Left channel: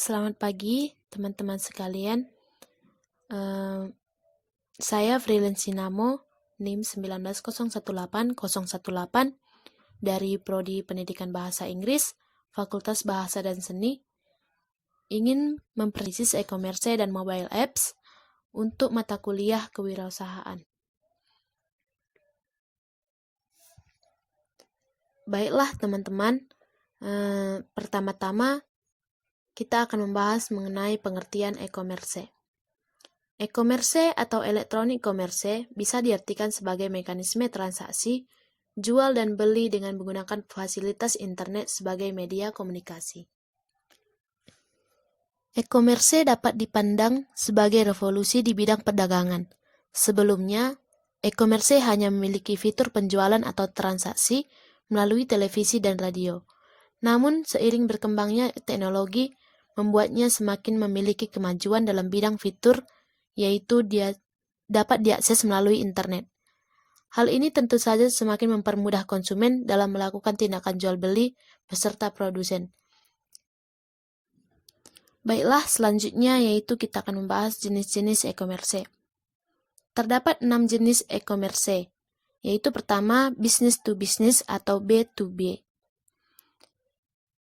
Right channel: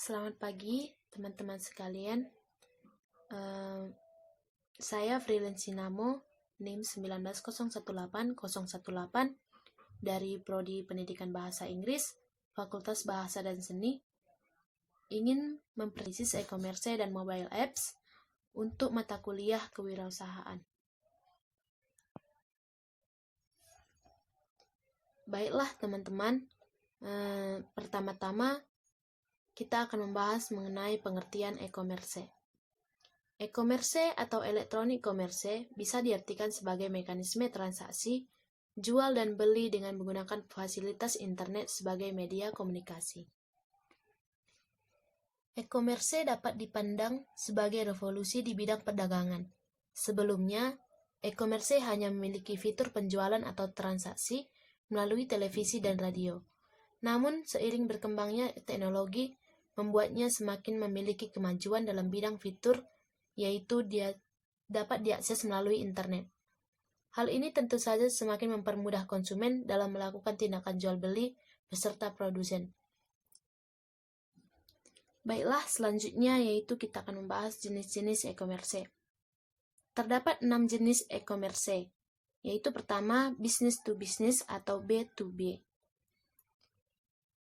Selamat pagi, teman-teman sekalian. Saya Freelance Sinamo, NIM 19018 dari Prodi Pendidikan Bahasa Inggris, Fakultas Bahasa dan Seni, ingin mempersis e-commerce dan mobile apps untuk mata kuliah kewirausahaan. Baiklah teman-teman, pertama-tama kita akan membahas mengenai pengertian e-commerce. E-commerce atau electronic commerce bisa diartikan sebagai mekanisme transaksi, jual dan beli dengan menggunakan fasilitas internet sebagai media komunikasi. E-commerce dapat dipandang sebagai revolusi di bidang perdagangan. Sebelumnya, e-commerce hanya memiliki fitur penjualan atau transaksi melalui televisi dan radio. Namun, seiring berkembangnya teknologi, membuatnya semakin memiliki kemajuan dalam bidang fitur, yaitu dia dapat diakses melalui internet. Hal ini tentu saja semakin mempermudah konsumen dalam melakukan tindakan jual beli beserta produsen. Baiklah, selanjutnya yaitu kita akan membahas jenis-jenis e-commerce. Terdapat 6 jenis e-commerce, yaitu pertama business to business atau B2B.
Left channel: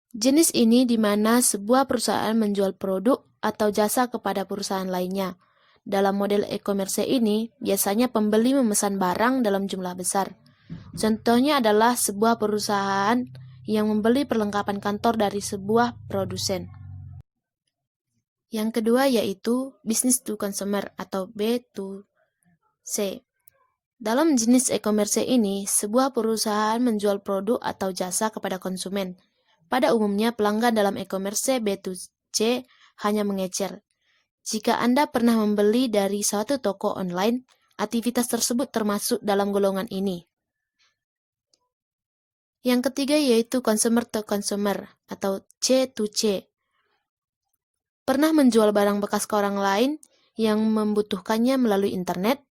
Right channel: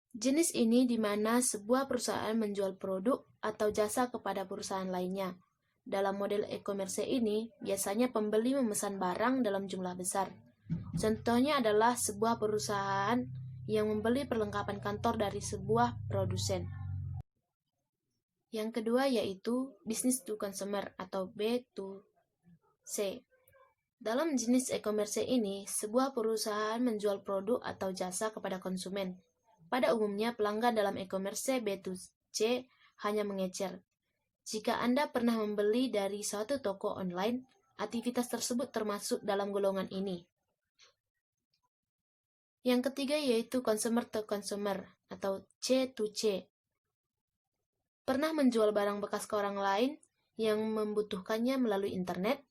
Jenis ini di mana sebuah perusahaan menjual produk atau jasa kepada perusahaan lainnya. Dalam model e-commerce ini, biasanya pembeli memesan barang dalam jumlah besar. Contohnya adalah sebuah perusahaan yang membeli perlengkapan kantor dari sebuah produsen. Yang kedua yaitu business to consumer atau B2C. Dalam jenis e-commerce ini, sebuah perusahaan menjual produk atau jasa kepada konsumen. Pada umumnya, pelanggan dalam e-commerce B2C hanya mengecer. Jika Anda pernah membeli dari suatu toko online, aktivitas tersebut termasuk dalam golongan ini. Yang ketiga yaitu consumer to consumer atau C2C. Pernah menjual barang bekas ke orang lain yang membutuhkannya melalui internet?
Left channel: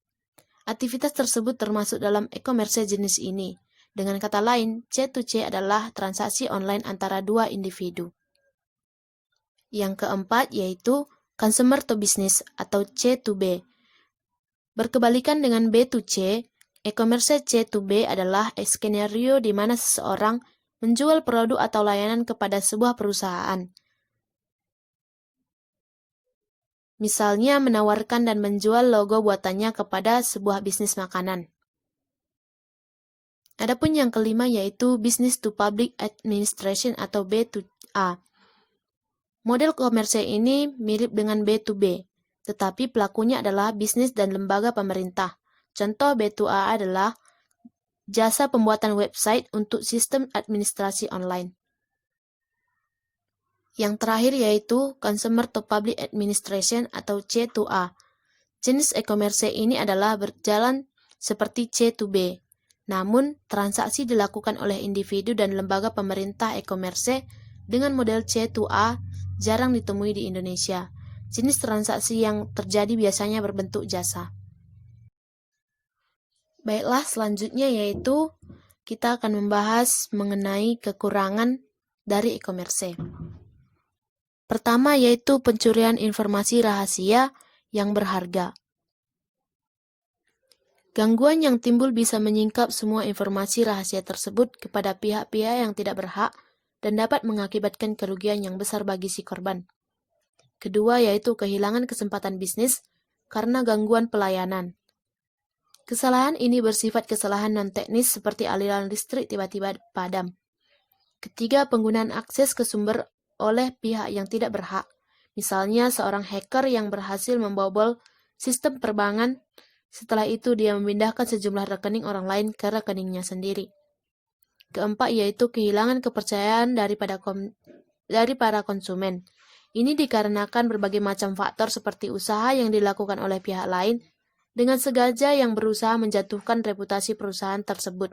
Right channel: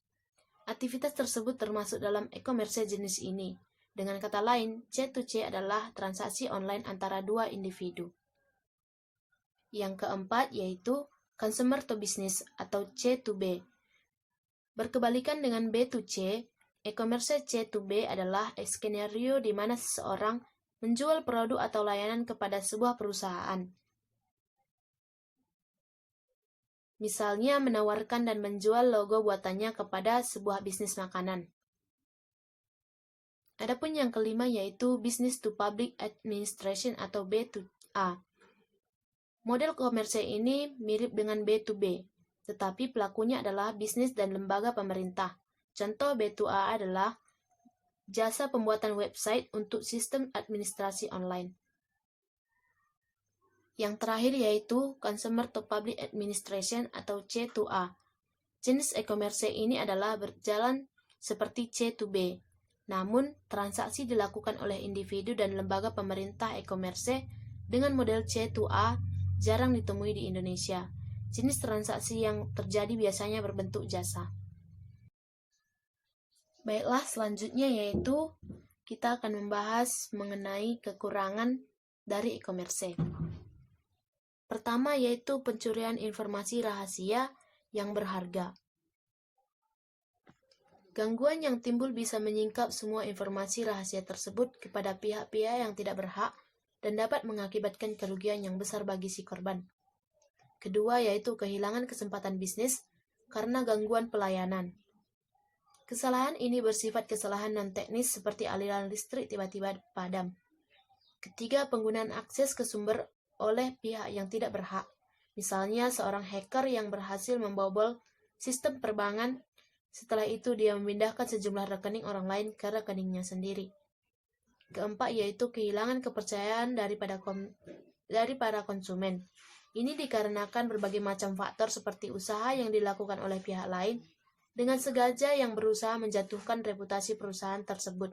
Aktivitas tersebut termasuk dalam e-commerce jenis ini. Dengan kata lain, C2C adalah transaksi online antara dua individu. Yang keempat yaitu consumer to business atau C2B. Berkebalikan dengan B2C, e-commerce C2B adalah skenario di mana seseorang menjual produk atau layanan kepada sebuah perusahaan. Misalnya menawarkan dan menjual logo buatannya kepada sebuah bisnis makanan. Adapun yang kelima yaitu Business to Public Administration atau B2A. Model komersial ini mirip dengan B2B, tetapi pelakunya adalah bisnis dan lembaga pemerintah. Contoh B2A adalah jasa pembuatan website untuk sistem administrasi online. Yang terakhir yaitu Consumer to Public Administration atau C2A. Jenis e-commerce ini adalah berjalan seperti C2B. Namun, transaksi dilakukan oleh individu dan lembaga pemerintah e-commerce dengan model C2A jarang ditemui di Indonesia. Jenis transaksi yang terjadi biasanya berbentuk jasa. Baiklah, selanjutnya yaitu kita akan membahas mengenai kekurangan dari e-commerce. Pertama yaitu pencurian informasi rahasia yang berharga. Gangguan yang timbul bisa menyingkap semua informasi rahasia tersebut kepada pihak-pihak yang tidak berhak dan dapat mengakibatkan kerugian yang besar bagi si korban. Kedua yaitu kehilangan kesempatan bisnis karena gangguan pelayanan. Kesalahan ini bersifat kesalahan non-teknis seperti aliran listrik tiba-tiba padam. Ketiga, penggunaan akses ke sumber oleh pihak yang tidak berhak. Misalnya seorang hacker yang berhasil membobol sistem perbankan. Setelah itu, dia memindahkan sejumlah rekening orang lain ke rekeningnya sendiri. Keempat, yaitu kehilangan kepercayaan dari para konsumen. Ini dikarenakan berbagai macam faktor seperti usaha yang dilakukan oleh pihak lain dengan sengaja yang berusaha menjatuhkan reputasi perusahaan tersebut.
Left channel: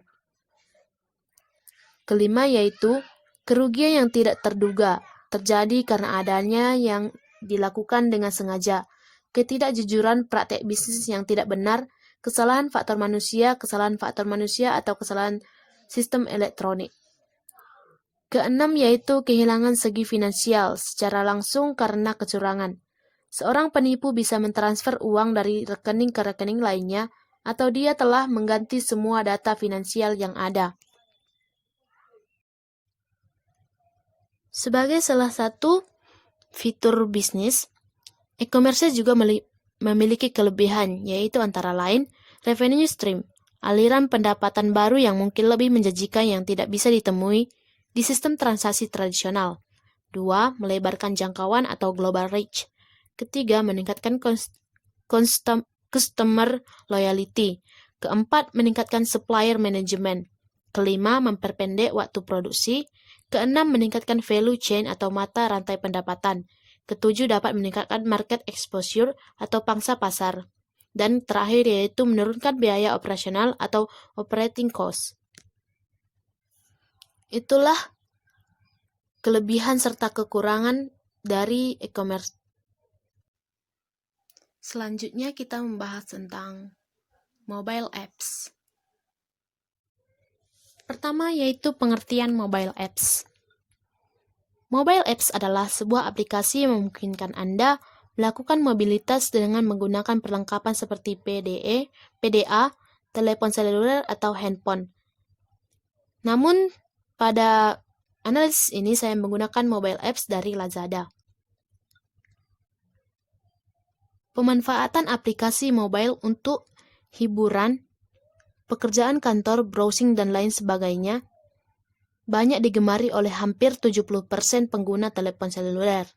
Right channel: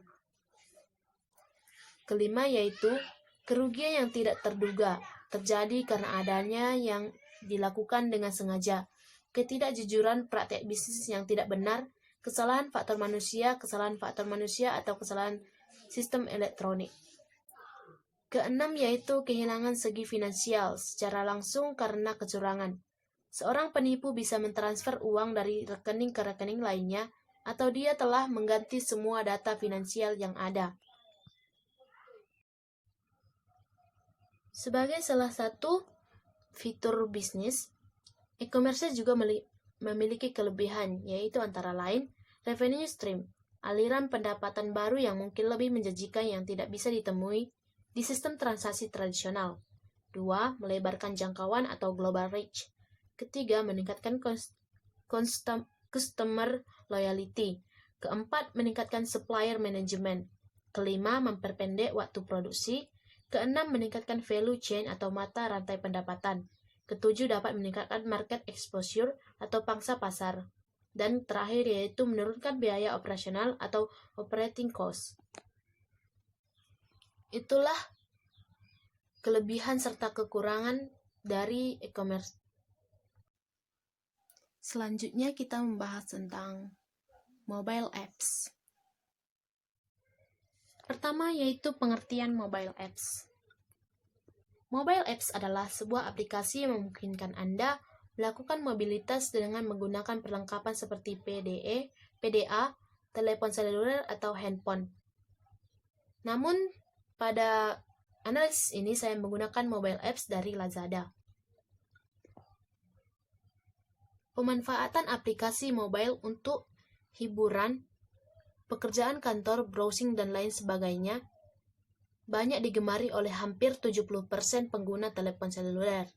Kelima, yaitu kerugian yang tidak terduga, terjadi karena adanya yang dilakukan dengan sengaja. Ketidakjujuran praktek bisnis yang tidak benar, kesalahan faktor manusia atau kesalahan sistem elektronik. Keenam yaitu kehilangan segi finansial secara langsung karena kecurangan. Seorang penipu bisa mentransfer uang dari rekening ke rekening lainnya, atau dia telah mengganti semua data finansial yang ada. Sebagai salah satu fitur bisnis, e-commerce juga memiliki kelebihan, yaitu antara lain revenue stream, aliran pendapatan baru yang mungkin lebih menjanjikan yang tidak bisa ditemui di sistem transaksi tradisional. 2. Melebarkan jangkauan atau global reach. Ketiga, meningkatkan customer loyalty. Keempat, meningkatkan supplier management. Kelima, memperpendek waktu produksi. Keenam, meningkatkan value chain atau mata rantai pendapatan. Ketujuh, dapat meningkatkan market exposure atau pangsa pasar. Dan terakhir yaitu menurunkan biaya operasional atau operating cost. Itulah kelebihan serta kekurangan dari e-commerce. Selanjutnya kita membahas tentang mobile apps. Pertama yaitu pengertian mobile apps. Mobile apps adalah sebuah aplikasi yang memungkinkan Anda melakukan mobilitas dengan menggunakan perlengkapan seperti PDE, PDA, telepon seluler atau handphone. Namun pada analisis ini saya menggunakan mobile apps dari Lazada. Pemanfaatan aplikasi mobile untuk hiburan, pekerjaan kantor, browsing, dan lain sebagainya banyak digemari oleh hampir 70% pengguna telepon seluler.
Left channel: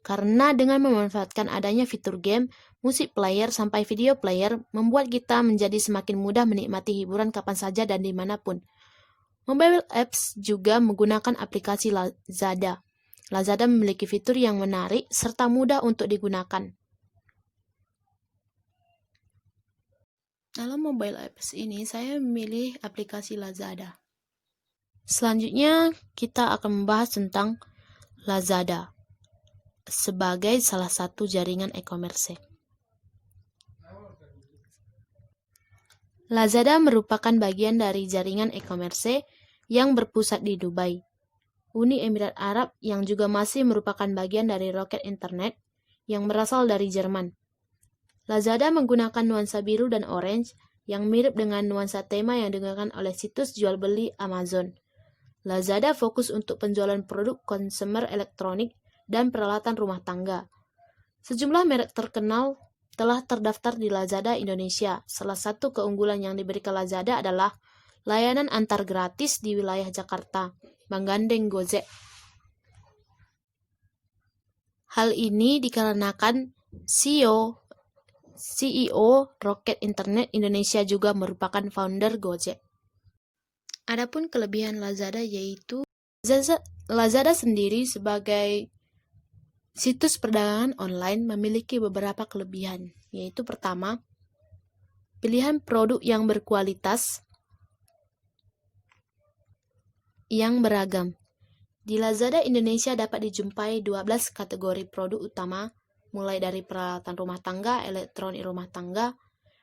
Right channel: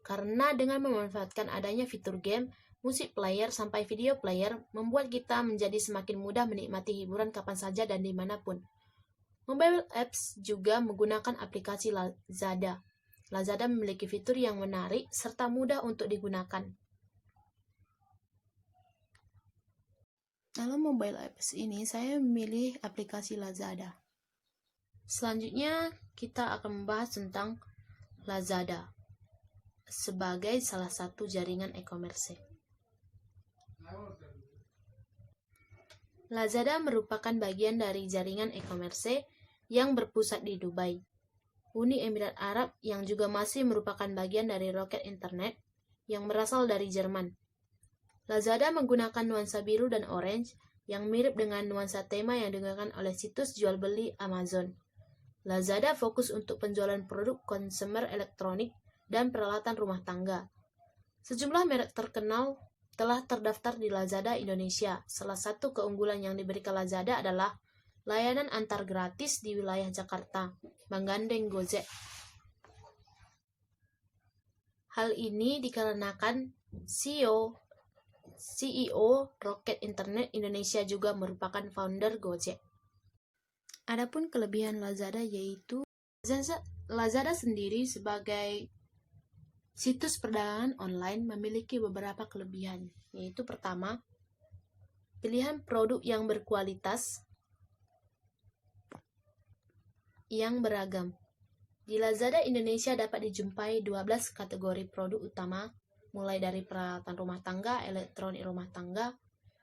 Karena dengan memanfaatkan adanya fitur game, musik player, sampai video player, membuat kita menjadi semakin mudah menikmati hiburan kapan saja dan dimanapun. Mobile apps juga menggunakan aplikasi Lazada. Lazada memiliki fitur yang menarik serta mudah untuk digunakan. Dalam mobile apps ini, saya memilih aplikasi Lazada. Selanjutnya, kita akan membahas tentang Lazada sebagai salah satu jaringan e-commerce. Lazada merupakan bagian dari jaringan e-commerce yang berpusat di Dubai, Uni Emirat Arab, yang juga masih merupakan bagian dari Rocket Internet yang berasal dari Jerman. Lazada menggunakan nuansa biru dan orange yang mirip dengan nuansa tema yang digunakan oleh situs jual beli Amazon. Lazada fokus untuk penjualan produk konsumer elektronik dan peralatan rumah tangga. Sejumlah merek terkenal telah terdaftar di Lazada Indonesia. Salah satu keunggulan yang diberikan Lazada adalah layanan antar gratis di wilayah Jakarta, menggandeng Gojek. Hal ini dikarenakan CEO Rocket Internet Indonesia juga merupakan founder Gojek. Adapun kelebihan Lazada yaitu Lazada sendiri sebagai situs perdagangan online memiliki beberapa kelebihan, yaitu pertama, pilihan produk yang berkualitas yang beragam. Di Lazada Indonesia dapat dijumpai 12 kategori produk utama, mulai dari peralatan rumah tangga, elektronik rumah tangga,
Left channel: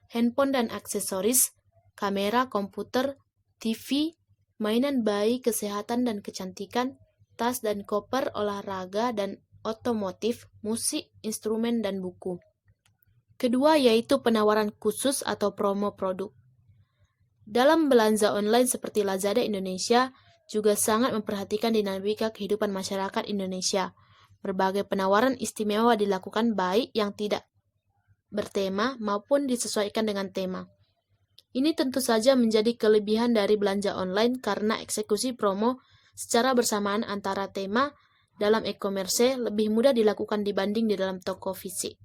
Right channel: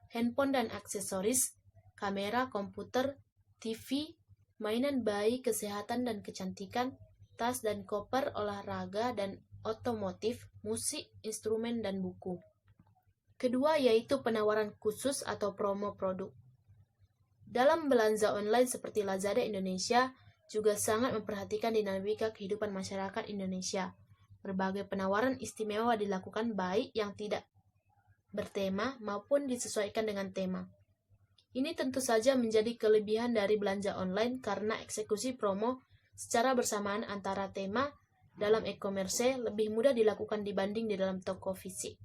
handphone dan aksesoris, kamera, komputer, TV, mainan bayi, kesehatan dan kecantikan, tas dan koper, olahraga dan otomotif, musik, instrumen, dan buku. Kedua yaitu penawaran khusus atau promo produk. Dalam belanja online seperti Lazada Indonesia, juga sangat memperhatikan dinamika kehidupan masyarakat Indonesia. Berbagai penawaran istimewa dilakukan baik yang tidak bertema maupun disesuaikan dengan tema. Ini tentu saja menjadi kelebihan dari belanja online karena eksekusi promo secara bersamaan antara tema dalam e-commerce lebih mudah dilakukan dibanding di dalam toko fisik.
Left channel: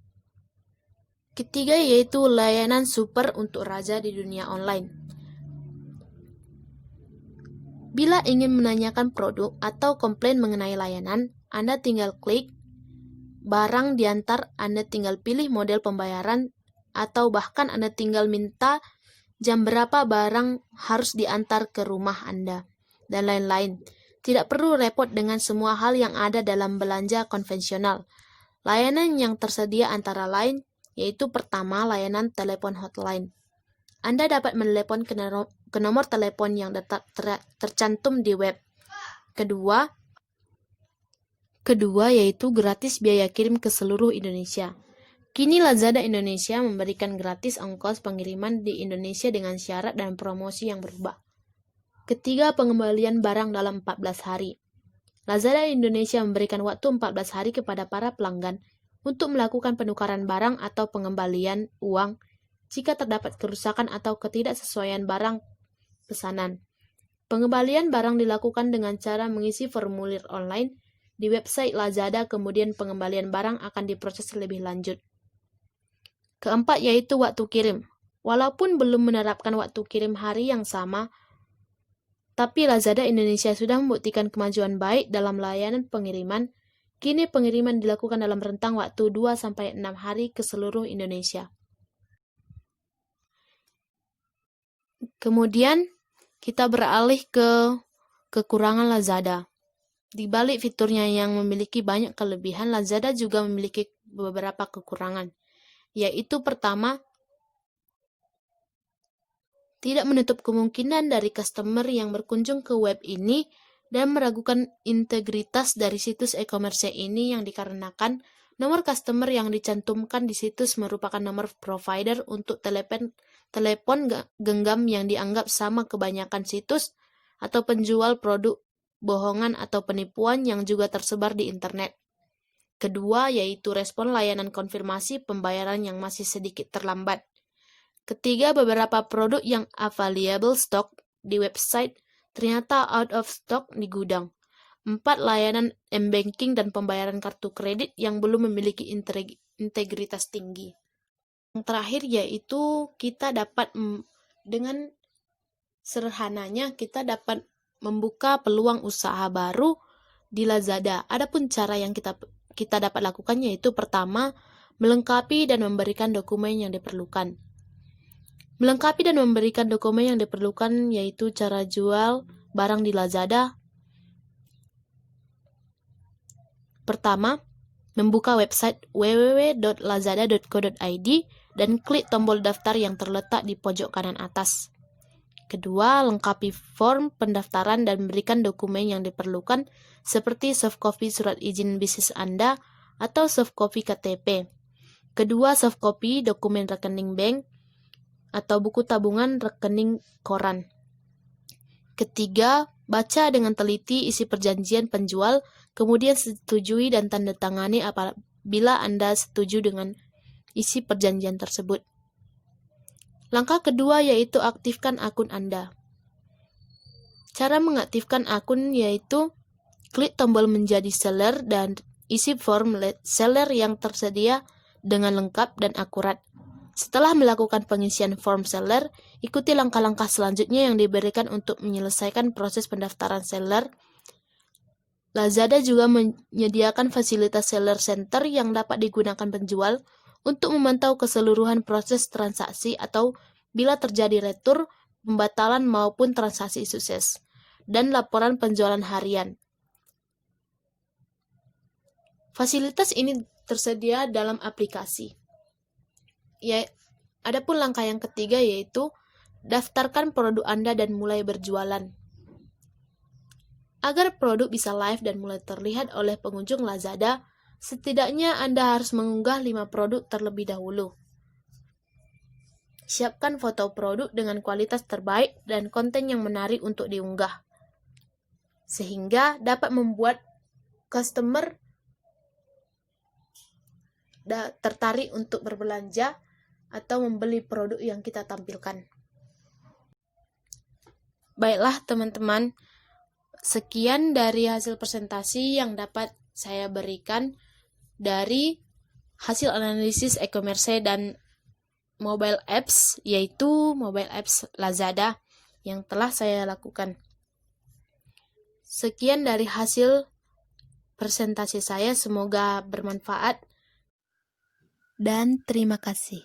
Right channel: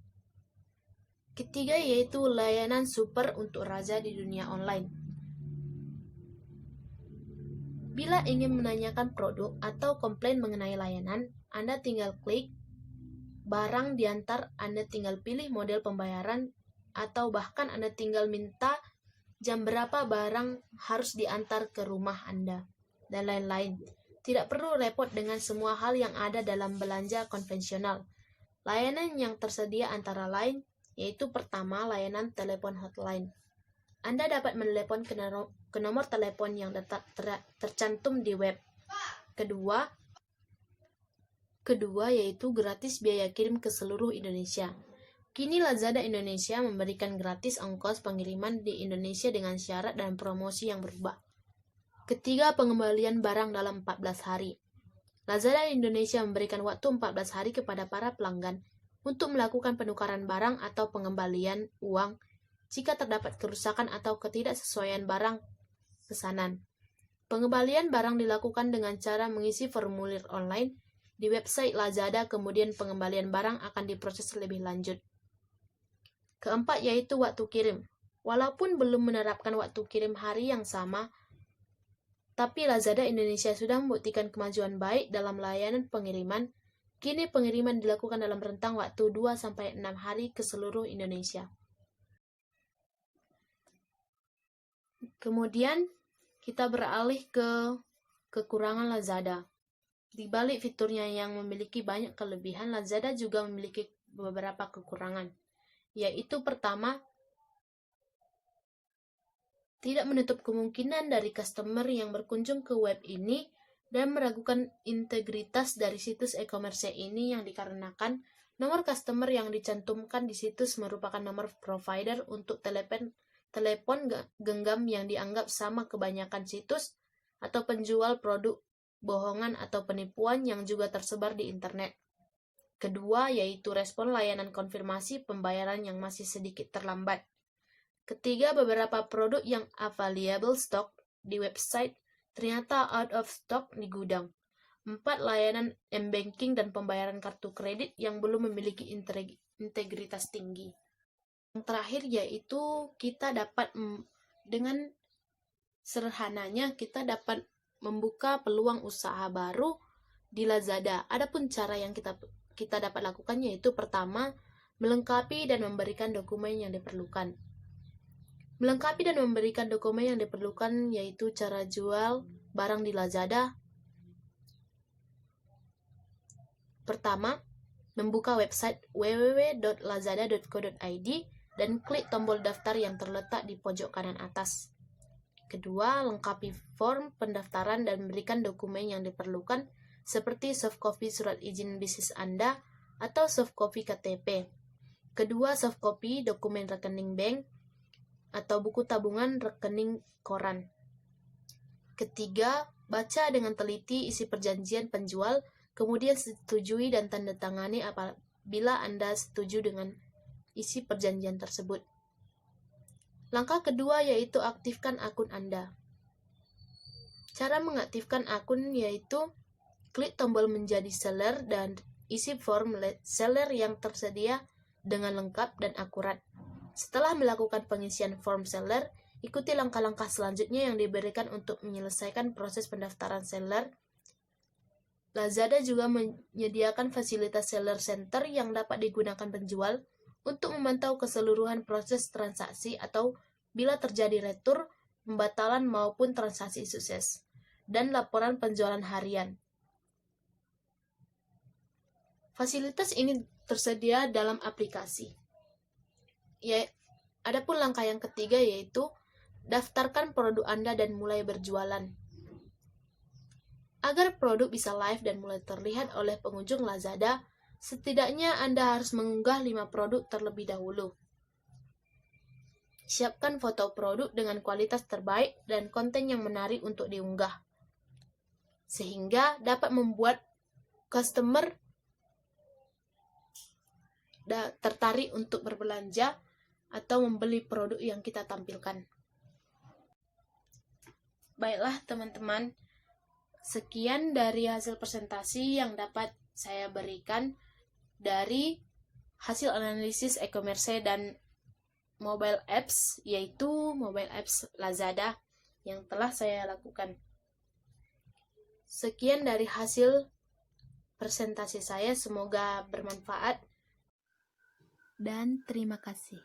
Ketiga yaitu layanan super untuk raja di dunia online. Bila ingin menanyakan produk atau komplain mengenai layanan, Anda tinggal klik barang diantar, Anda tinggal pilih model pembayaran, atau bahkan Anda tinggal minta jam berapa barang harus diantar ke rumah Anda, dan lain-lain. Tidak perlu repot dengan semua hal yang ada dalam belanja konvensional. Layanan yang tersedia antara lain yaitu pertama, layanan telepon hotline. Anda dapat menelepon ke nomor telepon yang tercantum di web. Kedua yaitu gratis biaya kirim ke seluruh Indonesia. Kini Lazada Indonesia memberikan gratis ongkos pengiriman di Indonesia dengan syarat dan promosi yang berubah. Ketiga, pengembalian barang dalam 14 hari. Lazada Indonesia memberikan waktu 14 hari kepada para pelanggan untuk melakukan penukaran barang atau pengembalian uang jika terdapat kerusakan atau ketidaksesuaian barang pesanan. Pengembalian barang dilakukan dengan cara mengisi formulir online di website Lazada, kemudian pengembalian barang akan diproses lebih lanjut. Keempat yaitu waktu kirim. Walaupun belum menerapkan waktu kirim hari yang sama, tapi Lazada Indonesia sudah membuktikan kemajuan baik dalam layanan pengiriman. Kini pengiriman dilakukan dalam rentang waktu 2-6 hari ke seluruh Indonesia. Kemudian kita beralih ke kekurangan Lazada. Di balik fiturnya yang memiliki banyak kelebihan, Lazada juga memiliki beberapa kekurangan, yaitu pertama, tidak menutup kemungkinan dari customer yang berkunjung ke web ini dan meragukan integritas dari situs e-commerce ini yang dikarenakan nomor customer yang dicantumkan di situs merupakan nomor provider untuk telepon genggam yang dianggap sama kebanyakan situs atau penjual produk bohongan atau penipuan yang juga tersebar di internet. Kedua, yaitu respon layanan konfirmasi pembayaran yang masih sedikit terlambat. Ketiga, beberapa produk yang available stock di website ternyata out of stock di gudang. 4, layanan m-banking dan pembayaran kartu kredit yang belum memiliki integritas tinggi. Yang terakhir yaitu kita dapat dengan sederhananya kita dapat membuka peluang usaha baru di Lazada. Adapun cara yang kita dapat lakukan yaitu pertama, melengkapi dan memberikan dokumen yang diperlukan. Melengkapi dan memberikan dokumen yang diperlukan yaitu cara jual barang di Lazada. Pertama, membuka website www.lazada.co.id dan klik tombol daftar yang terletak di pojok kanan atas. Kedua, lengkapi form pendaftaran dan berikan dokumen yang diperlukan seperti soft copy surat izin bisnis Anda atau soft copy KTP. Kedua, soft copy dokumen rekening bank atau buku tabungan rekening koran. Ketiga, baca dengan teliti isi perjanjian penjual, kemudian setujui dan tanda tangani apabila Anda setuju dengan isi perjanjian tersebut. Langkah kedua yaitu aktifkan akun Anda. Cara mengaktifkan akun yaitu klik tombol menjadi seller dan isi form seller yang tersedia dengan lengkap dan akurat. Setelah melakukan pengisian form seller, ikuti langkah-langkah selanjutnya yang diberikan untuk menyelesaikan proses pendaftaran seller. Lazada juga menyediakan fasilitas seller center yang dapat digunakan penjual untuk memantau keseluruhan proses transaksi atau bila terjadi retur, pembatalan maupun transaksi sukses, dan laporan penjualan harian. Fasilitas ini tersedia dalam aplikasi. Adapun langkah yang ketiga yaitu daftarkan produk Anda dan mulai berjualan. Agar produk bisa live dan mulai terlihat oleh pengunjung Lazada, setidaknya Anda harus mengunggah 5 produk terlebih dahulu. Siapkan foto produk dengan kualitas terbaik dan konten yang menarik untuk diunggah, sehingga dapat membuat customer tertarik untuk berbelanja atau membeli produk yang kita tampilkan. Baiklah teman-teman, sekian dari hasil presentasi yang dapat saya berikan dari hasil analisis e-commerce dan mobile apps, yaitu mobile apps Lazada yang telah saya lakukan. Sekian dari hasil presentasi saya, semoga bermanfaat dan terima kasih.